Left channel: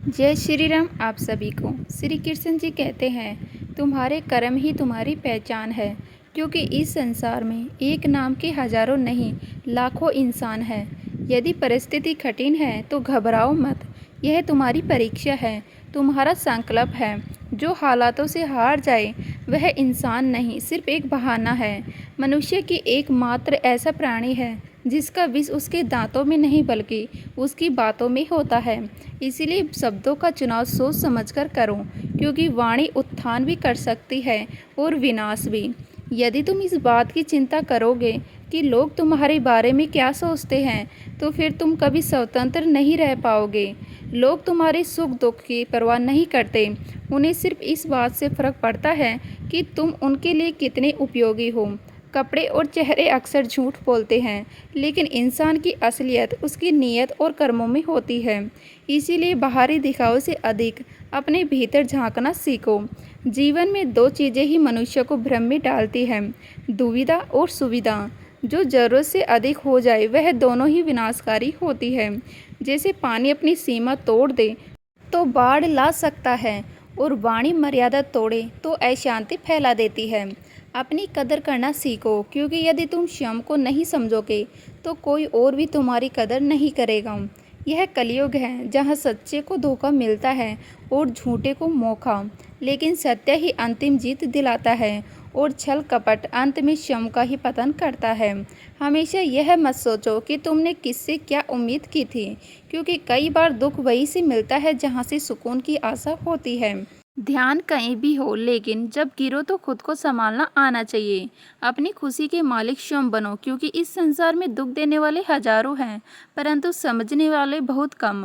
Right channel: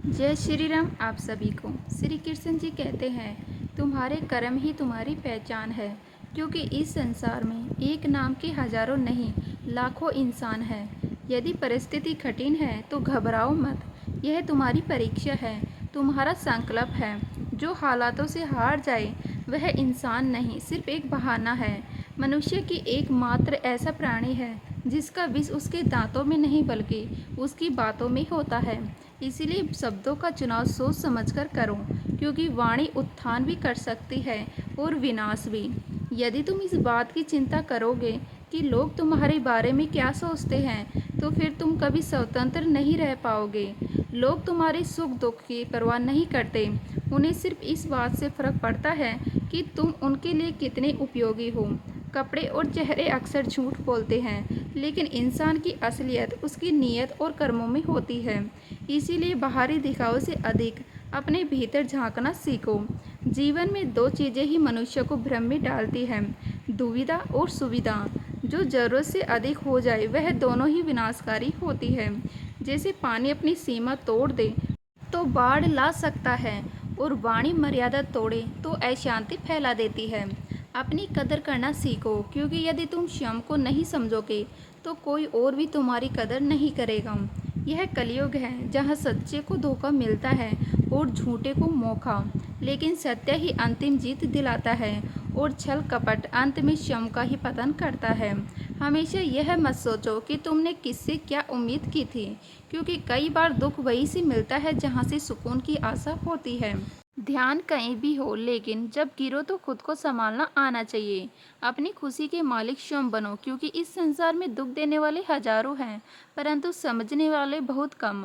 जय श्री राम। आप सभी को श्री कृष्ण जी कहते हैं, तुम्हारे कर्म ही तुम्हारी पहचान है। क्योंकि इस संसार में एक नाम के हजारों नहीं लाखों इंसान हैं। यदि परिस्थिति कठिन है तो घबराओ मत। यह तुम्हारी परीक्षा है, तुम्हारा संकल्प है। जो हालातों से हार जाए वह इंसान नहीं, सिर्फ एक बहाना है। मनुष्य की एकमात्र ऐसा प्राणी है जिसका विष उसके दांतों में नहीं बल्कि उसकी बातों में होता है। इसीलिए शब्दों का चुनाव सोच समझकर करो, क्योंकि वाणी उत्थान भी कर सकती है और विनाश भी। यदि तुम इस बात की चिंता करोगे कि लोग तुम्हारे बारे में क्या सोचते हैं, तो फिर तुम कभी स्वतंत्र नहीं रह पाओगे। लोग तुम्हारे सुख दुख की परवाह नहीं करते। उन्हें सिर्फ इस बात से फर्क पड़ता है कि तुम उनके लिए कितने उपयोगी हो। कपड़े और चेहरे अक्सर झूठ बोलते हैं, लेकिन इंसान की असलियत उसकी नीयत और कर्मों में होती है। इसीलिए बाहरी दिखावे से अधिक अपने भीतर झांकना सीखो। जीवन में दो चीज़ें ही मनुष्य को भ्रम में डालती हैं, दुविधा और सुविधा। जो जरूरत से अधिक हो जाए वह दोनों ही विनाशकारी होती है। जैसे पानी अपनी सीमा तोड़ दे तो बाढ़ ला सकता है, और वाणी मर्यादा तोड़े तो अशांति फैला देती है। अपनी कदर करना सीखो, क्योंकि यदि तुम स्वयं को नहीं समझोगे तो कोई और भी तुम्हारी कदर नहीं करेगा। यह कलयुग है जहाँ सच्चे को धोखा मिलता है और झूठे को मौका, लेकिन सत्य ही अंतिम जीत दिलाता है और छल कपट अंत में स्वयं का ही पतन करता है। हमेशा यह मत सोचो कि तुमने किससे क्या उम्मीद की थी, क्योंकि कई बार दुख वहीं से मिलता है जहाँ से सुकून की आशा होती है। ध्यान कहीं भी हो, लेकिन जब गिरो तो खुद को संभालना आना चाहिए। अपनी खुशी के मालिक स्वयं बनो, क्योंकि इस संसार में दुख देने वाले हजारों हैं परंतु समझने वाले बहुत कम।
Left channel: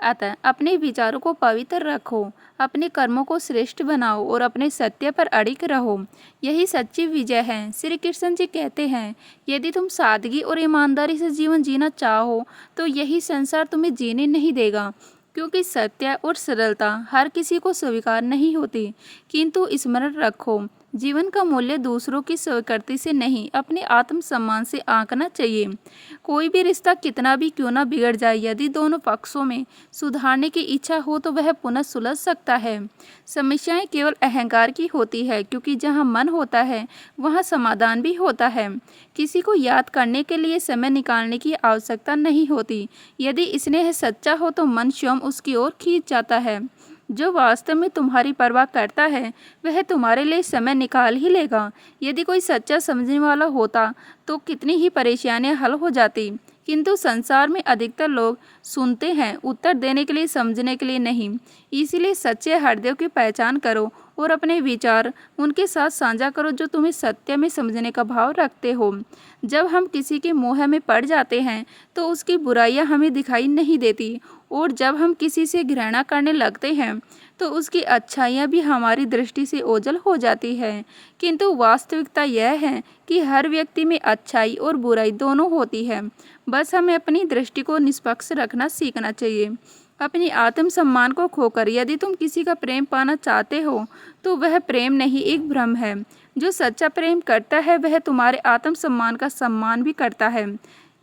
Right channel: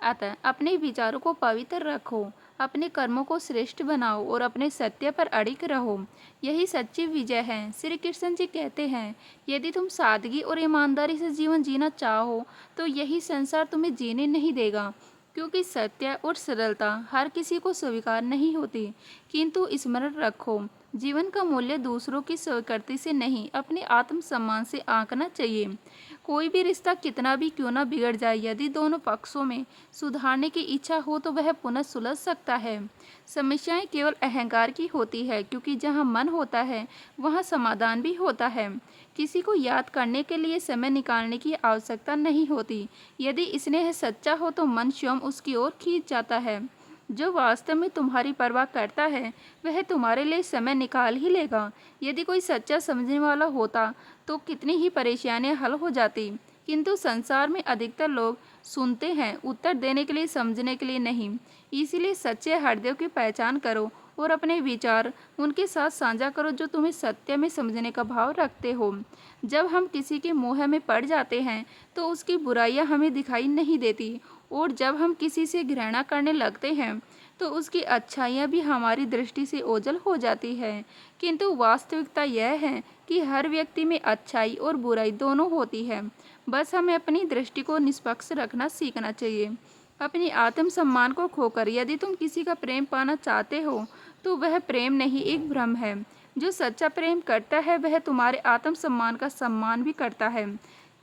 अतः अपने विचारों को पवित्र रखो, अपने कर्मों को श्रेष्ठ बनाओ और अपने सत्य पर अड़िग रहो। यही सच्ची विजय है। श्री कृष्ण जी कहते हैं, यदि तुम सादगी और ईमानदारी से जीवन जीना चाहो तो यही संसार तुम्हें जीने नहीं देगा। क्योंकि सत्य और सरलता हर किसी को स्वीकार नहीं होती। किंतु स्मरण रखो, जीवन का मूल्य दूसरों की स्वीकृति से नहीं, अपने आत्मसम्मान से आंकना चाहिए। कोई भी रिश्ता कितना भी क्यों ना बिगड़ जाए, यदि दोनों पक्षों में सुधारने की इच्छा हो तो वह पुनः सुलझ सकता है। समस्याएं केवल अहंकार की होती है, क्योंकि जहां मन होता है वहां समाधान भी होता है। किसी को याद करने के लिए समय निकालने की आवश्यकता नहीं होती। यदि स्नेह सच्चा हो तो मन स्वयं उसकी ओर खींच जाता है। जो वास्तव में तुम्हारी परवाह करता है वह तुम्हारे लिए समय निकाल ही लेगा। यदि कोई सच्चा समझने वाला होता तो कितनी ही परेशानियां हल हो जाती। किंतु संसार में अधिकतर लोग सुनते हैं उत्तर देने के लिए, समझने के लिए नहीं। इसीलिए सच्चे हृदय की पहचान करो और अपने विचार उनके साथ साझा करो जो तुम्हें सत्य में समझने का भाव रखते हो। जब हम किसी के मोह में पड़ जाते हैं तो उसकी बुराइयां हमें दिखाई नहीं देती, और जब हम किसी से घृणा करने लगते हैं तो उसकी अच्छाइयाँ भी हमारी दृष्टि से ओझल हो जाती है। किंतु वास्तविकता यह है कि हर व्यक्ति में अच्छाई और बुराई दोनों होती है। बस हमें अपनी दृष्टि को निष्पक्ष रखना सीखना चाहिए। अपनी आत्मसम्मान को खोकर यदि तुम किसी का प्रेम पाना चाहते हो तो वह प्रेम नहीं, एक भ्रम है। जो सच्चा प्रेम करता है वह तुम्हारे आत्मसम्मान का सम्मान भी करता है।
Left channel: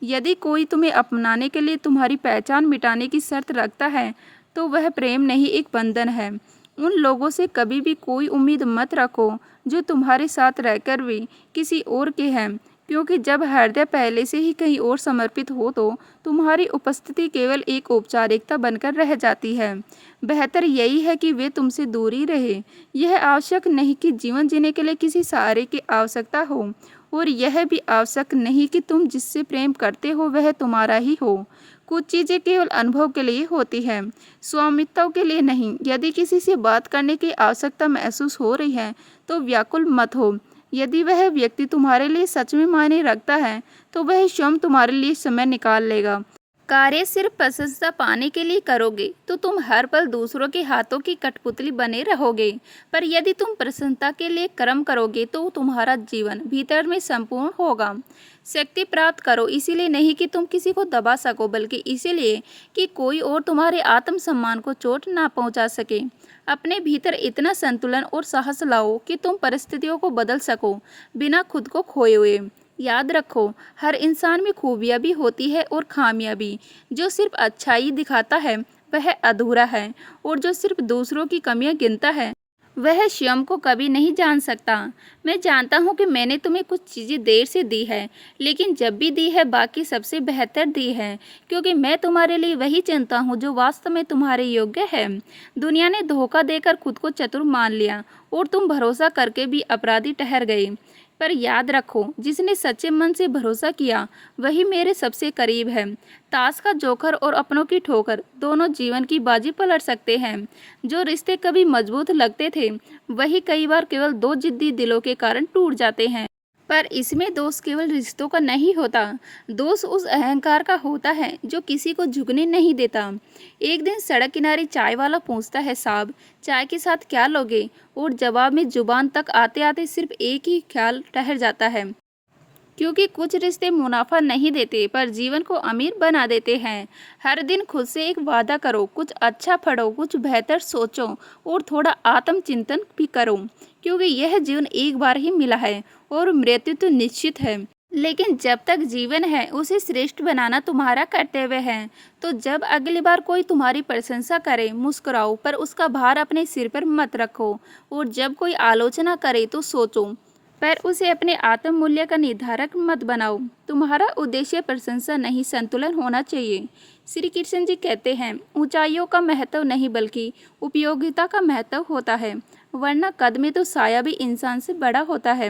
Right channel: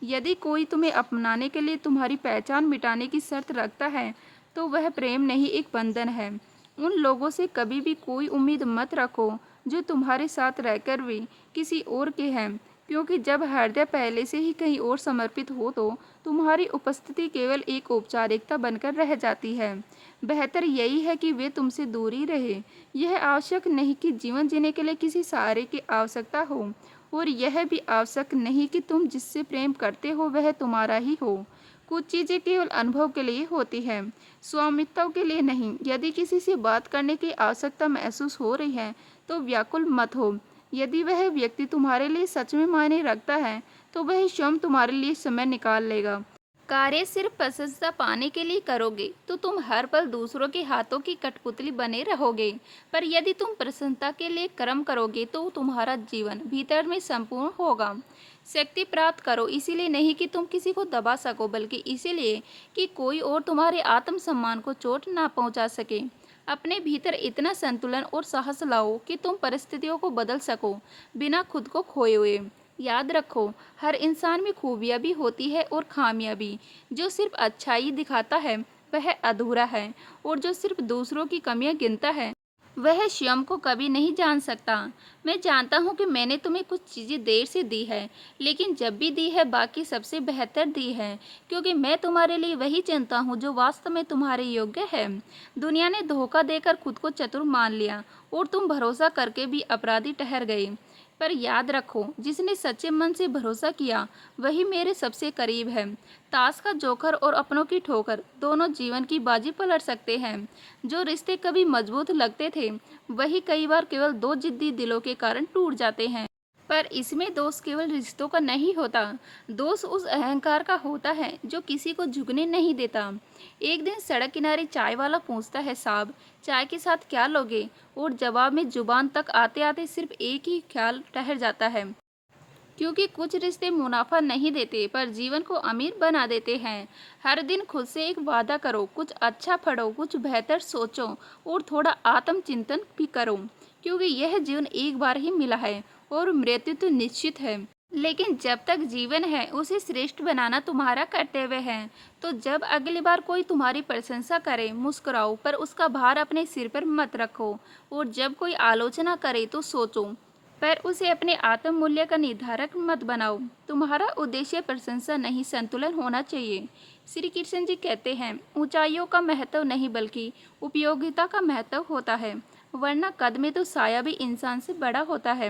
यदि कोई तुम्हें अपनाने के लिए तुम्हारी पहचान मिटाने की शर्त रखता है तो वह प्रेम नहीं, एक बंधन है। उन लोगों से कभी भी कोई उम्मीद मत रखो जो तुम्हारे साथ रहकर भी किसी और के हैं, क्योंकि जब हृदय पहले से ही कहीं और समर्पित हो तो तुम्हारी उपस्थिति केवल एक औपचारिकता बनकर रह जाती है। बेहतर यही है कि वे तुमसे दूर ही रहे। यह आवश्यक नहीं कि जीवन जीने के लिए किसी सहारे की आवश्यकता हो, और यह भी आवश्यक नहीं कि तुम जिससे प्रेम करते हो वह तुम्हारा ही हो। कुछ चीज़ें केवल अनुभव के लिए होती है, स्वामित्व के लिए नहीं। यदि किसी से बात करने की आवश्यकता महसूस हो रही है तो व्याकुल मत हो। यदि वह व्यक्ति तुम्हारे लिए सच में मायने रखता है तो वह स्वयं तुम्हारे लिए समय निकाल लेगा। कार्य सिर्फ प्रशंसा पाने के लिए करोगे तो तुम हर पल दूसरों के हाथों की कठपुतली बने रहोगे। पर यदि तुम प्रसन्नता के लिए कर्म करोगे तो तुम्हारा जीवन भीतर में संपूर्ण होगा। शक्ति प्राप्त करो इसीलिए नहीं कि तुम किसी को दबा सको, बल्कि इसीलिए कि कोई और तुम्हारे आत्मसम्मान को चोट ना पहुंचा सके। अपने भीतर इतना संतुलन और साहस लाओ कि तुम परिस्थितियों को बदल सको बिना खुद को खोए हुए। याद रखो, हर इंसान में खूबियां भी होती है और खामियां भी। जो सिर्फ अच्छाई दिखाता है वह अधूरा है, और जो सिर्फ दूसरों की कमियां गिनता है वह स्वयं को कभी नहीं जान सकता। मैं जानता हूँ कि मैंने तुम्हें कुछ चीज़ें देर से दी है, लेकिन जब भी दी है बाकी सबसे बेहतर दी है, क्योंकि मैं तुम्हारे लिए वही चुनता हूँ जो वास्तव में तुम्हारे योग्य है। दुनिया ने धोखा देकर खुद को चतुर मान लिया, और तुम भरोसा करके भी अपराधी ठहर गए। पर याद रखो, जिसने सच्चे मन से भरोसा किया वही मेरे सबसे करीब है। ताश का जोकर और अपनों की ठोकर दोनों जीवन की बाजी पलट सकते हैं। जो रिश्ते कभी मजबूत लगते थे वही कई बार केवल दो जिद्दी दिलों के कारण टूट जाते हैं। पर इसमें दोष केवल रिश्तों का नहीं होता, दोष उस अहंकार का होता है जो किसी को झुकने नहीं देता। एक दिन सड़क किनारे चाय वाला पूछता है, साहब चाय के साथ क्या लोगे? और जवाब में जुबान तक आते आते सिर्फ एक ही ख्याल ठहर जाता है, क्योंकि कुछ रिश्ते मुनाफा नहीं देते पर जीवन को अमीर बना देते हैं। हर दिन खुद से एक वादा करो, कुछ अच्छा पढ़ो, कुछ बेहतर सोचो, और थोड़ा आत्मचिंतन भी करो, क्योंकि यह जीवन एक बार ही मिला है और मृत्यु तो निश्चित है। लेकिन जब तक जीवन है उसे श्रेष्ठ बनाना तुम्हारा कर्तव्य है। तो जब अगली बार कोई तुम्हारी प्रशंसा करे मुस्कुराओ, पर उसका भार अपने सिर पर मत रखो। और जब कोई आलोचना करे तो सोचो, पर उसे अपने आत्म मूल्य का निर्धारक मत बनाओ। तुम्हारा उद्देश्य प्रशंसा नहीं, संतुलन होना चाहिए। श्री कृष्ण जी कहते हैं, ऊंचाइयों का महत्व नहीं बल्कि उपयोगिता का महत्व होता है, वरना कद में तो साया भी इंसान से बड़ा होता है,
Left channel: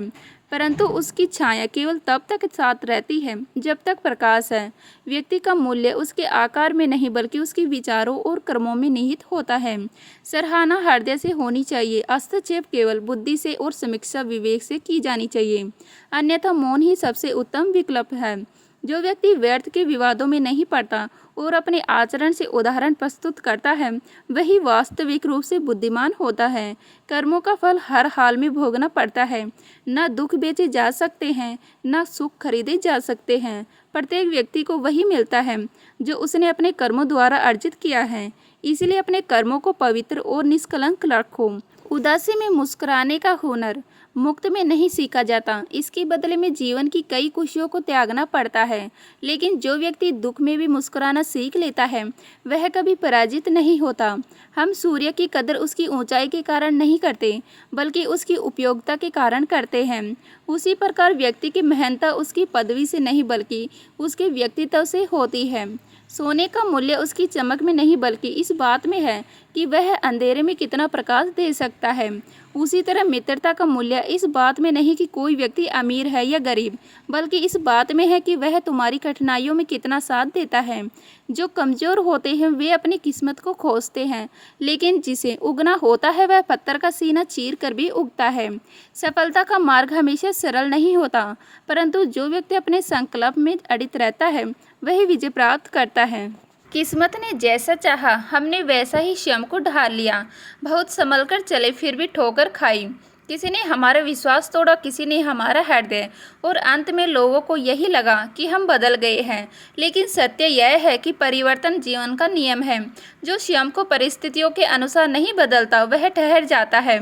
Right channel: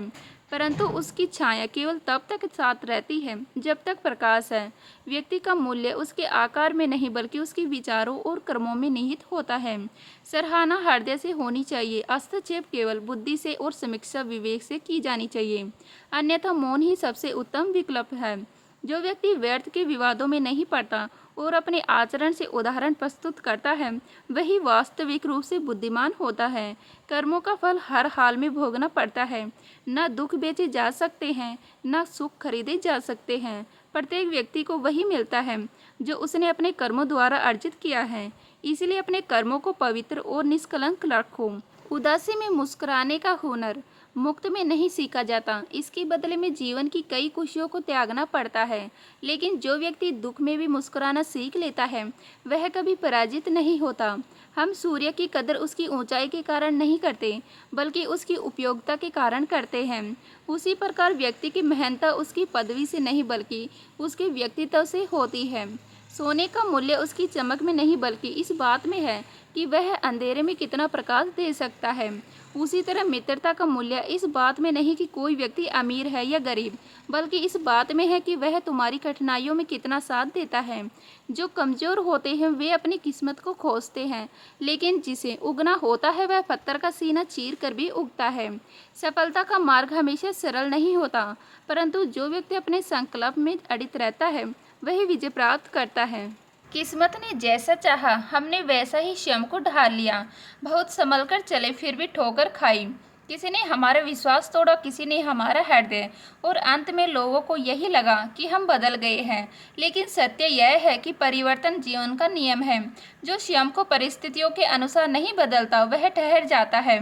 परंतु उसकी छाया केवल तब तक साथ रहती है जब तक प्रकाश है। व्यक्ति का मूल्य उसके आकार में नहीं बल्कि उसके विचारों और कर्मों में निहित होता है। सराहना हृदय से होनी चाहिए, हस्तक्षेप केवल बुद्धि से और समीक्षा विवेक से की जानी चाहिए, अन्यथा मौन ही सबसे उत्तम विकल्प है। जो व्यक्ति व्यर्थ के विवादों में नहीं पड़ता और अपने आचरण से उदाहरण प्रस्तुत करता है वही वास्तविक रूप से बुद्धिमान होता है। कर्मों का फल हर हाल में भोगना पड़ता है। न दुख बेचे जा सकते हैं, न सुख खरीदे जा सकते हैं। प्रत्येक व्यक्ति को वही मिलता है जो उसने अपने कर्मों द्वारा अर्जित किया है। इसलिए अपने कर्मों को पवित्र और निष्कलंक रखो। उदासी में मुस्कुराने का हुनर मुक्त में नहीं सीखा जाता, इसके बदले में जीवन की कई खुशियों को त्यागना पड़ता है। लेकिन जो व्यक्ति दुख में भी मुस्कुराना सीख लेता है वह कभी पराजित नहीं होता। हम सूर्य की कदर उसकी ऊंचाई के कारण नहीं करते बल्कि उसकी उपयोगिता के कारण करते हैं। उसी प्रकार व्यक्ति की महानता उसकी पदवी से नहीं बल्कि उसके व्यक्तित्व से होती है। सोने का मूल्य उसकी चमक में नहीं बल्कि इस बात में है कि वह अंधेरे में कितना प्रकाश दे सकता है। उसी तरह मित्रता का मूल्य इस बात में नहीं कि कोई व्यक्ति अमीर है या गरीब, बल्कि इस बात में है कि वह तुम्हारी कठिनाइयों में कितना साथ देता है। जो कमज़ोर होते हैं वे अपनी किस्मत को खोजते हैं, लेकिन जिसे उगना होता है वह पत्थर का सीना चीर कर भी उगता है। सफलता का मार्ग हमेशा सरल नहीं होता, परंतु जो व्यक्ति अपने संकल्प में अडिग रहता है वही विजय प्राप्त करता है। किस्मत ने जैसा चाहा हमने वैसा ही स्वयं को ढाल लिया। बहुत संभल कर चले फिर भी ठोकर खाई। किसी ने हमारा विश्वास तोड़ा, किसी ने हमारा हृदय, और अंत में लोगों को यही लगा कि हम बदल गए हैं। लेकिन सत्य यह है कि परिवर्तन जीवन का नियम है। जो स्वयं को परिस्थितियों के अनुसार नहीं बदलता वह ठहर जाता है।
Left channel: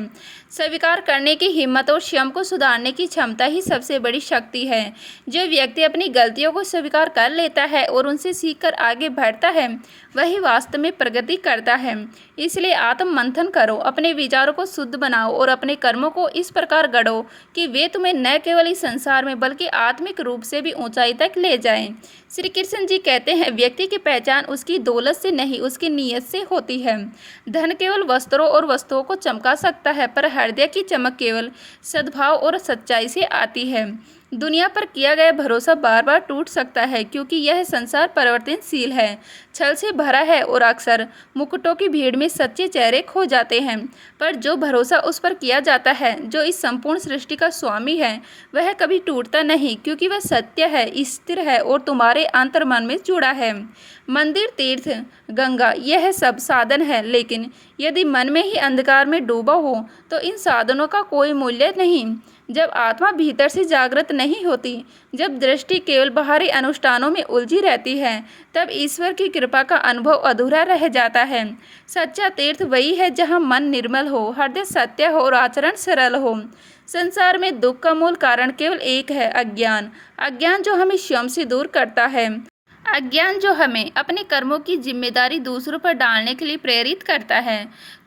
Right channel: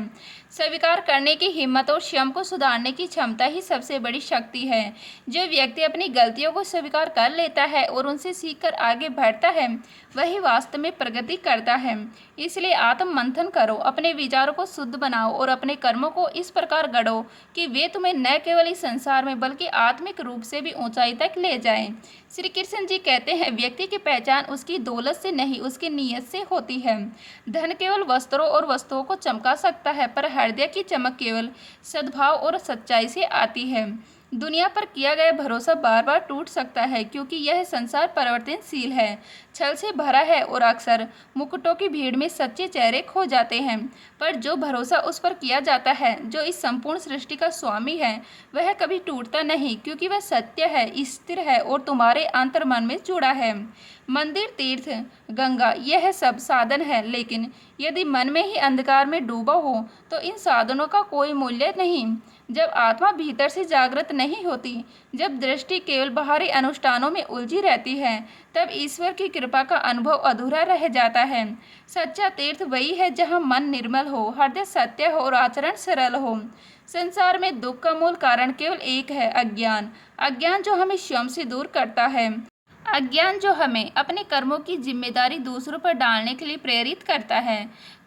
स्वीकार करने की हिम्मत और स्वयं को सुधारने की क्षमता ही सबसे बड़ी शक्ति है। जो व्यक्ति अपनी गलतियों को स्वीकार कर लेता है और उनसे सीखकर आगे बढ़ता है वही वास्तव में प्रगति करता है। इसलिए आत्म मंथन करो, अपने विचारों को शुद्ध बनाओ और अपने कर्मों को इस प्रकार गढ़ो कि वे तुम्हें न केवल इस संसार में बल्कि आत्मिक रूप से भी ऊंचाई तक ले जाएं। श्री कृष्ण जी कहते हैं, व्यक्ति की पहचान उसकी दौलत से नहीं उसकी नीयत से होती है। धन केवल वस्त्रों और वस्तुओं को चमका सकता है, पर हृदय की चमक केवल सद्भाव और सच्चाई से आती है। दुनिया पर किया गया भरोसा बार बार टूट सकता है, क्योंकि यह संसार परिवर्तनशील है, छल से भरा है और अक्सर मुकुटों की भीड़ में सच्चे चेहरे खो जाते हैं। पर जो भरोसा उस पर किया जाता है जो इस संपूर्ण सृष्टि का स्वामी है वह कभी टूटता नहीं, क्योंकि वह सत्य है, स्थिर है और तुम्हारे अंतर्मन में जुड़ा है। मंदिर, तीर्थ, गंगा यह सब साधन है, लेकिन यदि मन में ही अंधकार में डूबा हो तो इन साधनों का कोई मूल्य नहीं। जब आत्मा भीतर से जागृत नहीं होती, जब दृष्टि केवल बाहरी अनुष्ठानों में उलझी रहती है, तब ईश्वर की कृपा का अनुभव अधूरा रह जाता है। सच्चा तीर्थ वही है जहाँ मन निर्मल हो, हृदय सत्य हो और आचरण सरल हो। संसार में दुख का मूल कारण केवल एक है, अज्ञान। अज्ञान जो हमें स्वयं से दूर करता है। अज्ञान जो हमें अपने कर्मों की जिम्मेदारी दूसरों पर डालने के लिए प्रेरित करता है।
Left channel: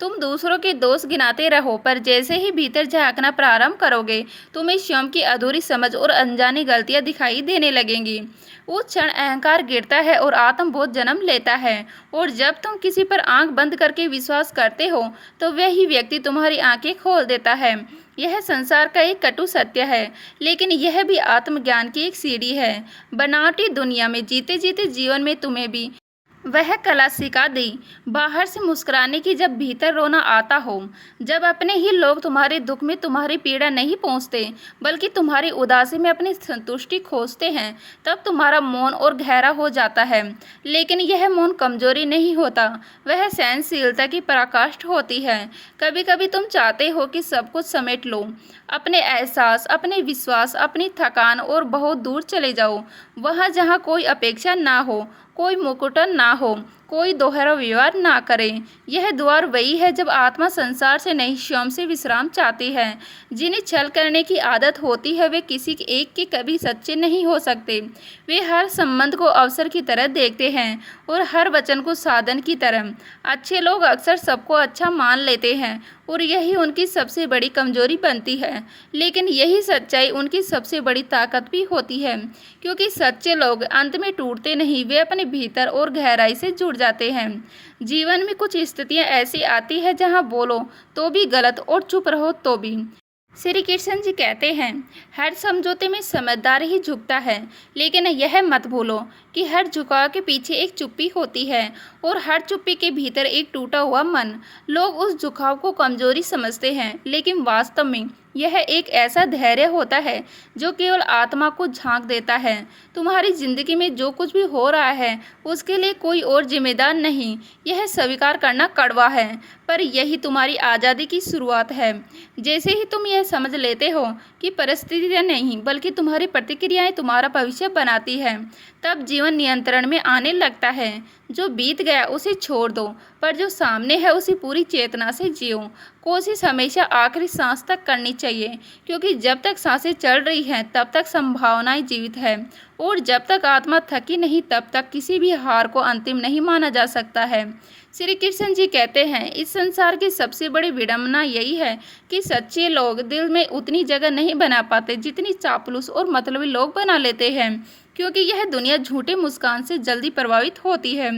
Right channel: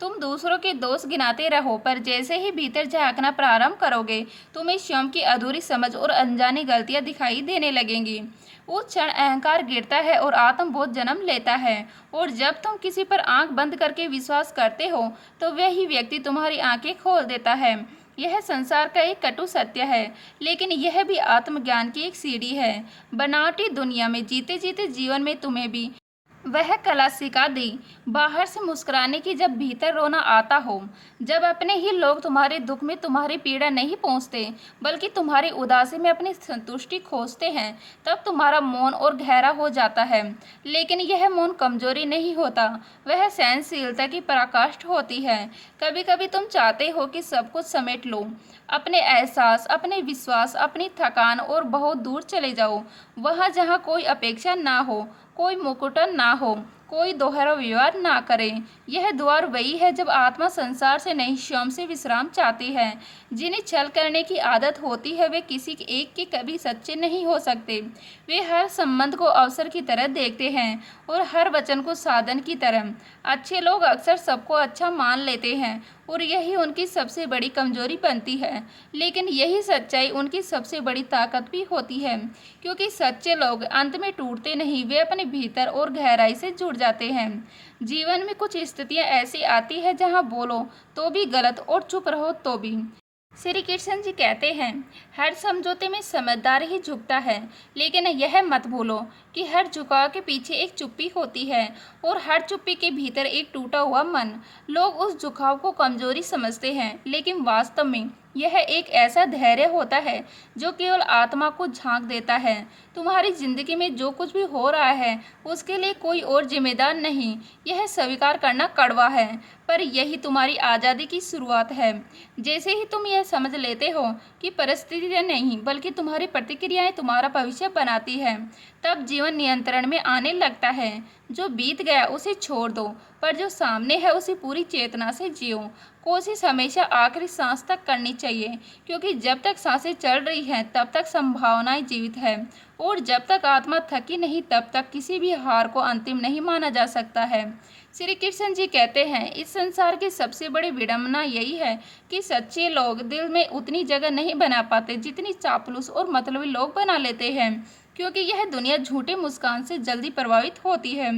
तुम दूसरों के दोष गिनाते रहो, पर जैसे ही भीतर झांकना प्रारंभ करोगे, तुम्हें स्वयं की अधूरी समझ और अनजानी गलतियां दिखाई देने लगेंगी। उस क्षण अहंकार गिरता है और आत्मबोध जन्म लेता है। और जब तुम किसी पर आंख बंद करके विश्वास करते हो, तो वही व्यक्ति तुम्हारी आंखें खोल देता है। यह संसार का एक कटु सत्य है, लेकिन यह भी आत्मज्ञान की एक सीढ़ी है। बनावटी दुनिया में जीते जीते जीवन में तुम्हें भी वह कला सिखा दी, बाहर से मुस्कुराने की जब भीतर रोना आता हो। जब अपने ही लोग तुम्हारे दुख में तुम्हारी पीड़ा नहीं पहुंचते, बल्कि तुम्हारी उदासी में अपनी संतुष्टि खोजते हैं, तब तुम्हारा मौन और गहरा हो जाता है। लेकिन यह मौन कमजोरी नहीं होता, वह सहनशीलता की पराकाष्ठ होती है। कभी कभी तुम चाहते हो कि सब कुछ समेट लो, अपने एहसास, अपने विश्वास, अपनी थकान, और बहुत दूर चले जाओ, वहां जहां कोई अपेक्षा ना हो, कोई मुकुटन ना हो, कोई दोहरा व्यवहार ना करे। यह द्वार वही है जब आत्मा संसार से नहीं, स्वयं से विश्राम चाहती है। जिन्हें छल करने की आदत होती है, वे किसी एक के कभी सच्चे नहीं हो सकते। वे हर संबंध को अवसर की तरह देखते हैं और हर वचन को साधन की तरह। अच्छे लोग अक्सर सबको अच्छा मान लेते हैं, और यही उनकी सबसे बड़ी कमजोरी बनती है। लेकिन यही सच्चाई उनकी सबसे बड़ी ताकत भी होती है, क्योंकि सच्चे लोग अंत में टूटते नहीं, वे अपने भीतर और गहराई से जुड़ जाते हैं। जीवन में कुछ स्थितियां ऐसी आती है जहां बोलो तो भी गलत और चुप रहो तो भी। श्री कृष्ण जी कहते हैं, हर समझौते में समझदार ही झुकता है, लेकिन यह मत भूलो कि हर झुकाव के पीछे एक चुप्पी होती है, और हर चुप्पी के भीतर एक टूटा हुआ मन। लोग उस झुकाव को कमजोरी समझते हैं, लेकिन वास्तव में यह एक ऐसा धैर्य होता है जो केवल आत्मा को झांक देता है। तुम्हारी जिंदगी में जो कुछ भी हो रहा है, उसके लिए कोई और जिम्मेदार नहीं। यह स्वीकार करना कड़वा है, पर यही तुम्हारी आज़ादी की शुरुआत है। जैसे ही तुम यह समझ लेते हो कि परिस्थितियां नहीं, बल्कि तुम्हारी प्रतिक्रियाएं तुम्हारा भविष्य बनाती है, तब जीवन नियंत्रण में आने लगता है। जो बीत गया उसे छोड़ दो, पर जो सामने है उसे पूरी चेतना से जियो। कोशिश हमेशा आखिरी सांस तक करनी चाहिए, क्योंकि जब तक सांसें चल रही हैं तब तक संभावनाएं जीवित है, और जब तक आत्मा थकी नहीं तब तक किसी भी हार को अंतिम नहीं माना जा सकता है। श्री कृष्ण जी कहते हैं, इस संसार की सबसे बड़ी विडंबना यही है कि सच्चे लोग दिल में उतनी जगह नहीं बना पाते जितनी चापलूस और मतलबी लोग बना लेते हैं, क्योंकि यह दुनिया झूठे मुस्कान से जल्दी प्रभावित होती है,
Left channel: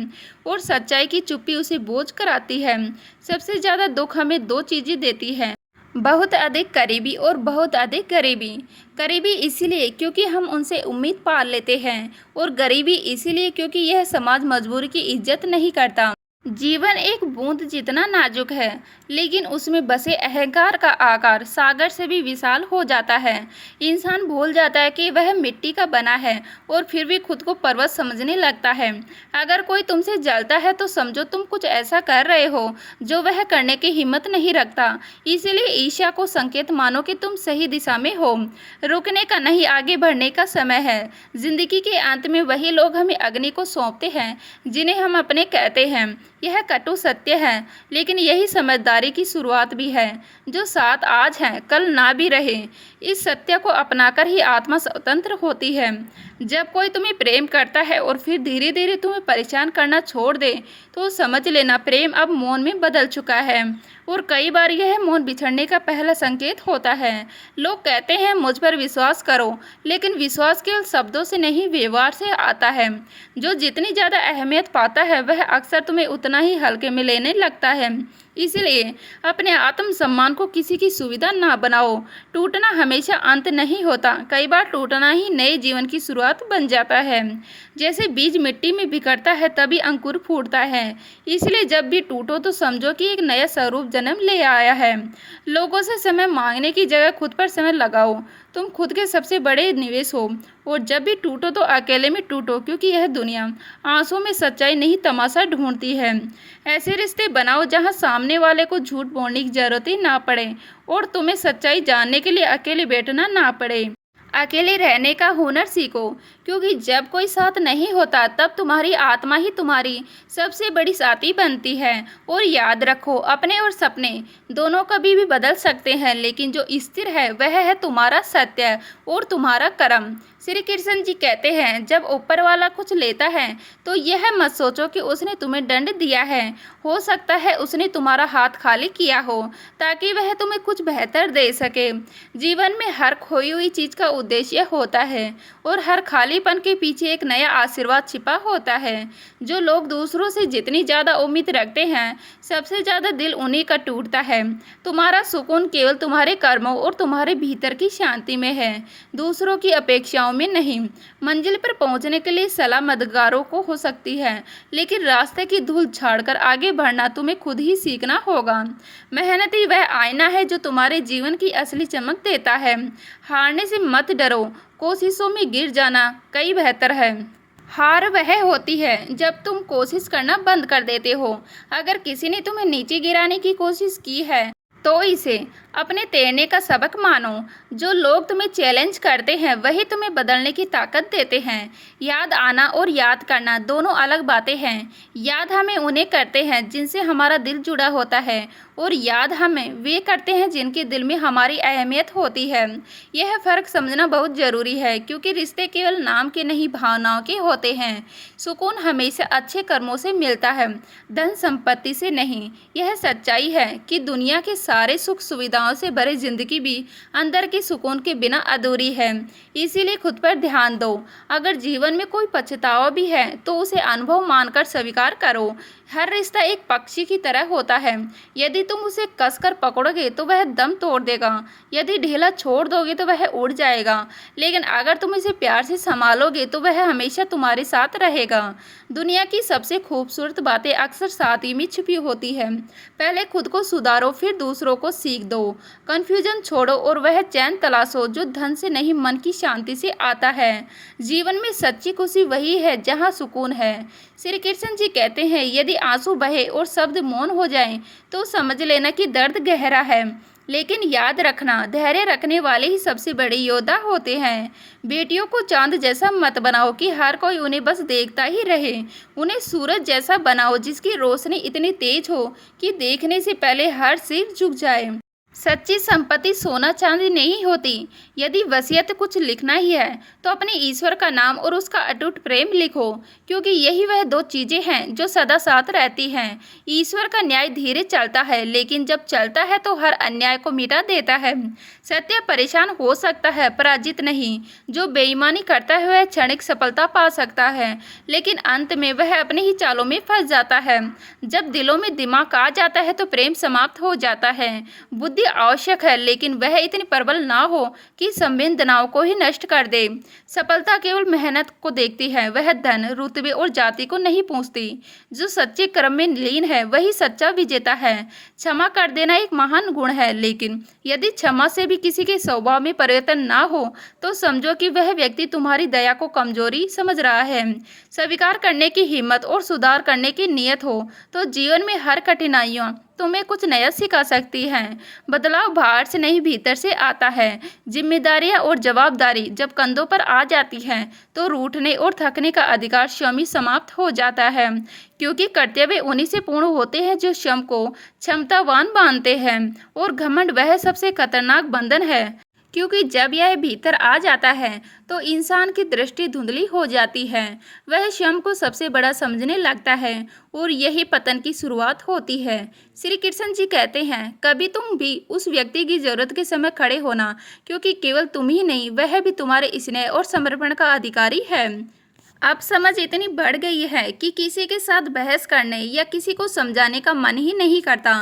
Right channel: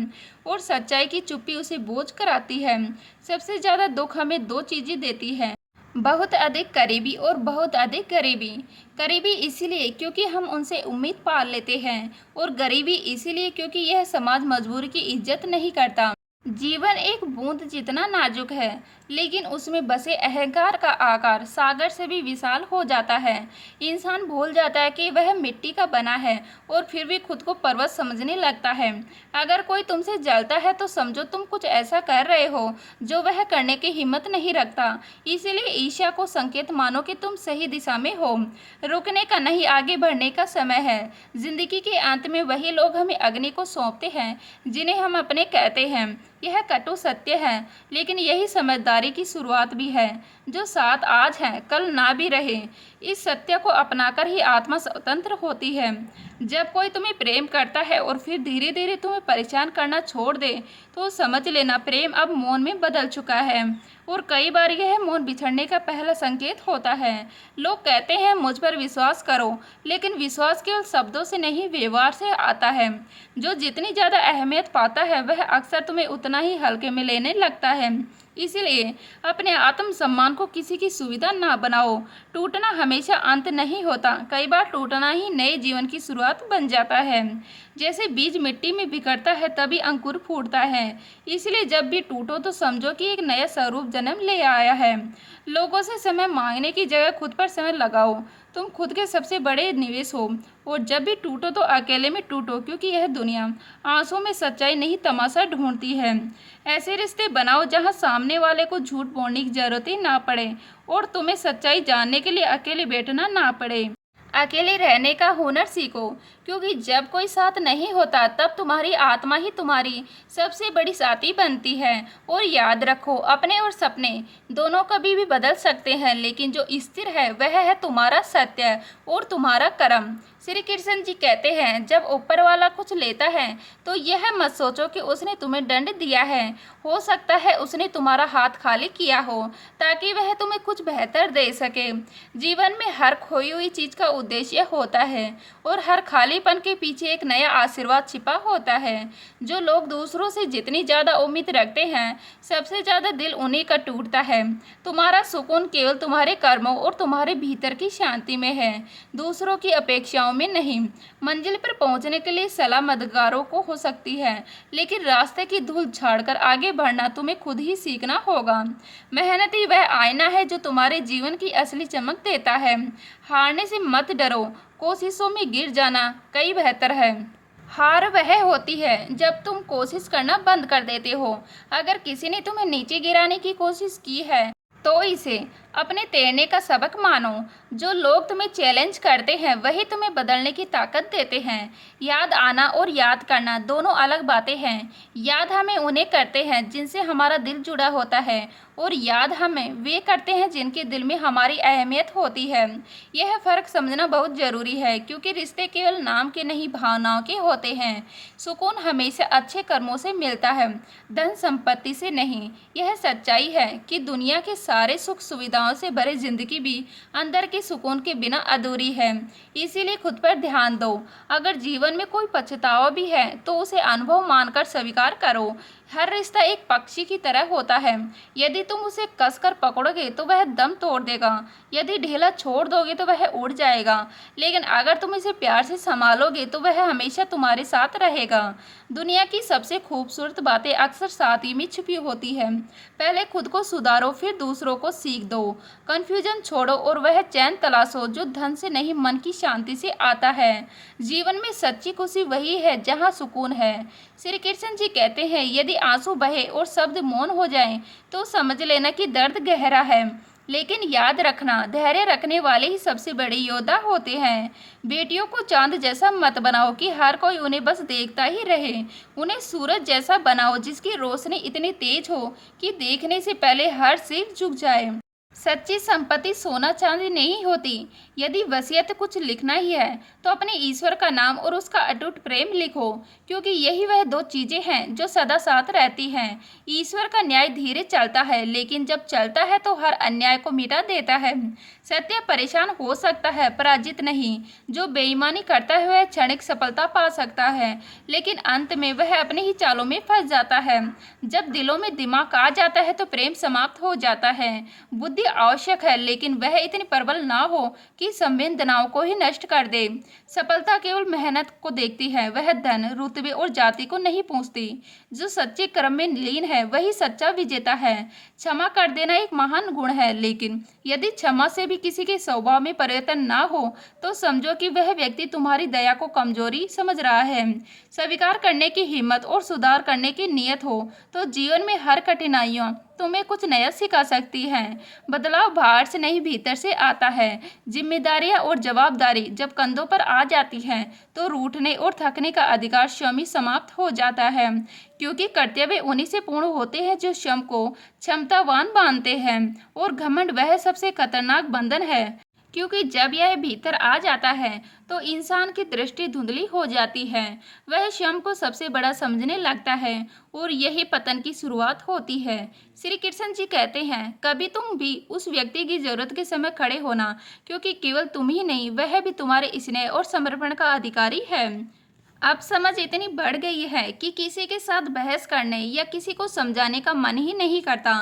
और सच्चाई की चुप्पी उसे बोझ कराती है। सबसे ज्यादा दुख हमें दो चीजें देती है, बहुत अधिक करीबी और बहुत अधिक गरीबी। करीबी इसीलिए क्योंकि हम उनसे उम्मीद पाल लेते हैं, और गरीबी इसीलिए क्योंकि यह समाज मजबूरी की इज्जत नहीं करता। जीवन एक बूंद जितना नाजुक है, लेकिन उसमें बसे अहंकार का आकार सागर से भी विशाल हो जाता है। इंसान भूल जाता है कि वह मिट्टी का बना है, और फिर भी खुद को पर्वत समझने लगता है। अगर कोई तुमसे जलता है तो समझो तुम कुछ ऐसा कर रहे हो जो वह करने की हिम्मत नहीं रखता। इसीलिए ईर्ष्या को संकेत मानो कि तुम सही दिशा में हो। रुकने का नहीं, आगे बढ़ने का समय है। जिंदगी के अंत में वही लोग हमें अग्नि को सौंपते हैं जिन्हें हम अपने कहते हैं। यह कटु सत्य है, लेकिन यही समझदारी की शुरुआत भी है। जो साथ आज है कल ना भी रहे। इस सत्य को अपनाकर ही आत्मा स्वतंत्र होती है। जब कोई तुम्हें प्रेम करता है और फिर धीरे धीरे तुम्हें परेशान करना छोड़ दे, तो समझ लेना प्रेम अब मौन में बदल चुका है, और कई बार यह मौन बिछड़ने का पहला संकेत होता है। लोग कहते हैं मुझ पर विश्वास करो, लेकिन विश्वास केवल शब्दों से नहीं, व्यवहार से आता है। जो जितनी ज्यादा अहमियत पाता है, वह अक्सर तुम्हें उतना ही हल्के में लेने लगता है। इसलिए अपने आत्म सम्मान को किसी की सुविधा ना बनाओ। टूटना हमेशा अंत नहीं होता, कई बार टूटना ही नए जीवन की शुरुआत बन जाता है। जैसे बीज मिट्टी में बिखरता है तभी अंकुर फूटता है। इसलिए जब भी टूटो तो समझो कि एक नया स्वरूप जन्म ले आया है। लोगों से समय मांगने की जगह खुद पर समय लगाओ। तुम खुद के सबसे बड़े निवेश हो, और जब भी टूटो तो अकेले में टूटो, क्योंकि यह दुनिया आंसू में सच्चाई नहीं तमाशा ढूंढती है। ऐसे रिश्ते बनाओ जहां सामने वाले को झूठ बोलने की जरूरत ही ना पड़े, और तुम्हें सच्चाई जानने के लिए अकेले बैठना ना पड़े। अकेले रहने का हुनर सीखो, क्योंकि जब कोई साथ नहीं होता तब तुम्हारी आत्मा ही तुम्हारी सबसे बड़ी साथी बनती है। और याद रखो, अपने और सपने दोनों कभी भी बदल सकते हैं, लेकिन जो स्थिर है वह है तुम्हारा सत्य और तुम्हारा कर्म। श्री कृष्ण जी कहते हैं, जब ऊपर वाला कुछ लेता है तो यह मत सोचो कि उसने तुम्हें दंड दिया है। हो सकता है उसने तुम्हारा हाथ खाली किया हो ताकि वह तुम्हें कुछ बेहतर दे सके। जीवन में हर खोई हुई चीज का उद्देश्य होता है और हर खालीपन के पीछे एक नया आशीर्वाद छिपा होता है। जो लोग दूसरों से जितनी ज्यादा उम्मीद रखते हैं, सबसे ज्यादा दिल उन्हीं का टूटता है। तुम्हारा सुकून केवल तुम्हारे कर्मों और तुम्हारे भीतर की शांति में है, दूसरों की अपेक्षाओं में नहीं। मंजिल पर पहुंचने के लिए सलाह मददगारों को हो सकती है, लेकिन रास्ते की धूल झाड़कर आगे बढ़ना तुम्हें खुद ही सीखना होगा। मेहनत ही वह आईना है जो तुम्हारे जीवन की असली चमक देता है। हारने से मत डरो, कोशिशों में गिर जाना कई बेहतर है। हार वह होती है जब तुम कोशिश करना बंद कर देते हो। अगर किसी ने तुम्हें नीचे गिराने की कोशिश की है तो इसे अपने तैरने का सबक मानो। जो लोग तुम्हें चैलेंज करते हैं वही तुम्हें बदलने की ताकत देते हैं। याद आना और याद करना दोनों अलग बातें हैं। याद हमें उन्हें करते हैं जिनसे हमारा दिल जुड़ा होता है, और याद हमें वे करते हैं जिनके दिल में हमारी अहमियत होती है। यह फ़र्क समझना बहुत ज़रूरी है, क्योंकि रिश्ते केवल नाम के नहीं, भावनाओं के होते हैं। सुकून हमेशा अच्छे कर्मों से मिलता है, धन संपत्ति से नहीं। यह सच्चाई है कि दुनिया के सारे सुख सुविधाओं से भरी जिंदगी भी अंदर के सुकून के बिना अधूरी है। इसीलिए खुद पर ध्यान दो। अगर जीवन में कोई पछतावा भी है तो उसे अनुभव मानकर स्वीकार करो। हर रिश्ता एक पक्षी की तरह होता है। यदि तुम उसे कसकर पकड़ोगे तो वह दम तोड़ देगा, यदि ढीला छोड़ दोगे तो वह उड़ जाएगा, लेकिन अगर तुम इसे प्यार से संभालोगे तो वह हमेशा तुम्हारे साथ रहेगा। दुनिया की सबसे खूबसूरत बातें अक्सर साथ ही में छुपी होती है। पहले खुद को सुधारो, फिर दूसरों को सीख दो। कन्फ्यूजन छोड़ो और वह चैन तलाशो जो धन से नहीं, मन की शांति से आता है। जीवन में सच्ची खुशी वही है जहाँ सुकून है। श्री कृष्ण जी कहते हैं, यदि आंसू बहे और शब्द मौन हो जाएं, तो समझ लेना कि दर्द गहरा है। लेकिन याद रखना, धैर्य रखने वाले ही सबसे बड़े योद्धा होते हैं। बेटियों को चांद जैसा मत बनाओ कि हर कोई उन्हें बस देखता ही रहे। उन्हें सूरज जैसा बनाओ जिसकी रोशनी इतनी तेज हो कि देखने से पहले हर सिर झुक जाए। सच्ची संपत्ति सोना चांदी नहीं होती। यदि वसीयत कुछ लिखना ही है तो अपने ईश्वर का नाम और उसका अटूट प्रेम लिखो, क्योंकि यही वह दो चीजें हैं जो सदा साथ रहती हैं। ईश्वर का न्याय धीरे चलता है, लेकिन जब चलता है तो हर अन्याय को मिटा देता है। सत्य परेशान हो सकता है, पराजित नहीं। जो बेईमानी करता है वह क्षणिक सफलता पा सकता है, लेकिन अंत में वह अपने ही चालों में फंस जाता है। जब दिलों में दिमाग आ जाता है तो प्रेम समाप्त हो जाता है। बुद्धि आवश्यक है, लेकिन वह इतनी प्रबल ना हो कि संवेदनाओं को ही नष्ट कर दे। सफलता केवल मेहनत को देखती है, वह धन, रुतबे और जाति को नहीं पूछती। जो सच्चे कर्म में लीन है वही सच्चा विजेता है। क्षमा कर देना एक महान गुण है, लेकिन यदि क्षमा से भी किसी के स्वभाव में परिवर्तन ना हो तो समझो कि वह व्यक्ति तुम्हारी दया को कमजोरी समझ रहा है। स्वीकार करने की हिम्मत और सुधार करने की नीयत हो तो जीवन में हर कठिनाइयों तुम्हें कुछ नया सिखा सकती हैं। बदलाव बाहर से नहीं, भीतर से आता है। जिम्मेदारियां और जवाबदारी जब कंधों पर आ जाती हैं तो रूठने और थकने का अधिकार स्वयं ही समाप्त हो जाता है, क्योंकि कर्तव्य उन्हीं से पूर्ण होते हैं जो स्वयं को क्षमतावान मानते हैं। और घमंड वह सबसे खतरनाक बंधन है, क्योंकि जब यह भीतर आ जाता है तो इंसान की दृष्टि धुंधली हो जाती है। वह स्वयं को सबसे बड़ा समझने लगता है और यही पतन की शुरुआत होती है। श्री कृष्ण जी कहते हैं, कभी तुम भी उस व्यक्ति की जरूरत के समय खड़े होना, क्योंकि केवल तुम ही नहीं, वह भी तुम्हारे स्नेह और समर्पण का अधिकारी है। अब समझ इतनी बढ़ गई है कि किसी के साथ बहस करने या किसी को समझाने का मन ही नहीं करता।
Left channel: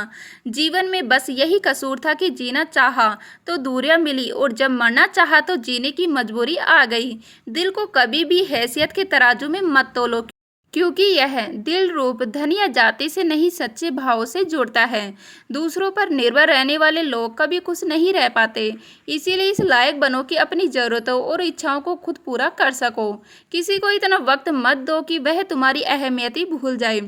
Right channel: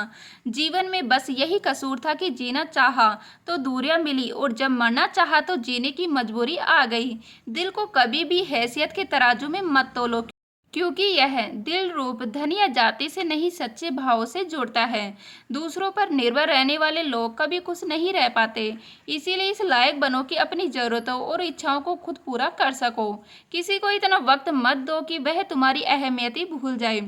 जीवन में बस यही कसूर था कि जीना चाहा तो दूरियां मिली, और जब मरना चाहा तो जीने की मजबूरी आ गई। दिल को कभी भी हैसियत के तराजू में मत तोलो, क्योंकि यह दिल रूप धन या जाति से नहीं, सच्चे भाव से जुड़ता है। दूसरों पर निर्भर रहने वाले लोग कभी खुश नहीं रह पाते। इसीलिए इस लायक बनो कि अपनी ज़रूरतों और इच्छाओं को खुद पूरा कर सको। किसी को इतना वक्त मत दो कि वह तुम्हारी अहमियत ही भूल जाए।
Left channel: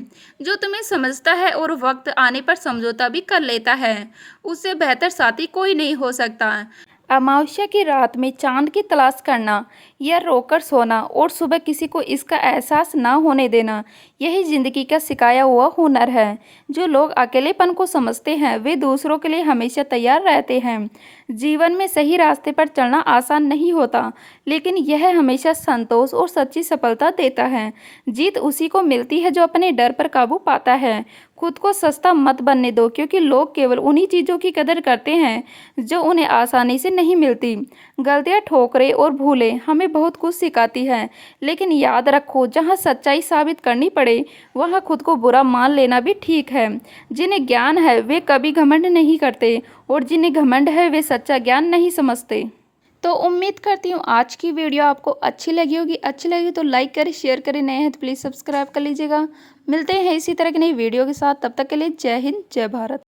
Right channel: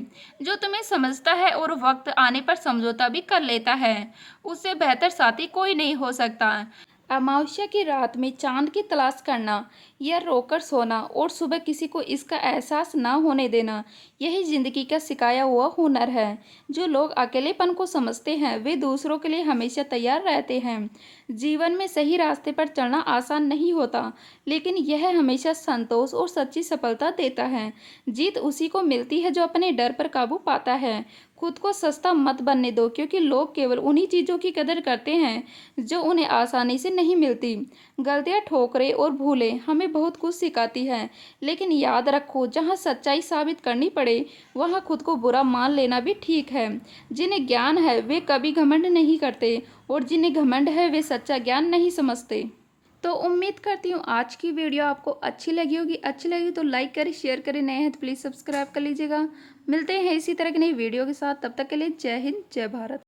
जो तुम्हें समझता है और वक्त आने पर समझौता भी कर लेता है, उससे बेहतर साथी कोई नहीं हो सकता। अमावस्या की रात में चांद की तलाश करना या रोकर सोना और सुबह किसी को इसका एहसास ना होने देना, यही जिंदगी का सिखाया हुआ हुनर है। जो लोग अकेलेपन को समझते हैं वे दूसरों के लिए हमेशा तैयार रहते हैं। जीवन में सही रास्ते पर चलना आसान नहीं होता, लेकिन यह हमेशा संतोष और सच्ची सफलता देता है। जीत उसी को मिलती है जो अपने डर पर काबू पाता है। खुद को सस्ता मत बनने दो, क्योंकि लोग केवल उन्हीं चीज़ों की कदर करते हैं जो उन्हें आसानी से नहीं मिलती। गलतियाँ, ठोकरें और भूलें हमें बहुत कुछ सिखाती हैं, लेकिन याद रखो, जहाँ सच्चाई साबित करनी पड़े वहाँ खुद को बुरा मान लेना भी ठीक है। जिन्हें ज्ञान है वे कभी घमंड नहीं करते, और जिन्हें घमंड है वे सच्चा ज्ञान नहीं समझते। तो उम्मीद करती हूँ आज की वीडियो आपको अच्छी लगी होगी। अच्छी लगी तो लाइक करें, शेयर करें, नए हैं तो प्लीज़ सब्सक्राइब कर लीजिएगा। मिलते हैं इसी तरह की नई वीडियो के साथ, तब तक के लिए जय हिंद, जय भारत।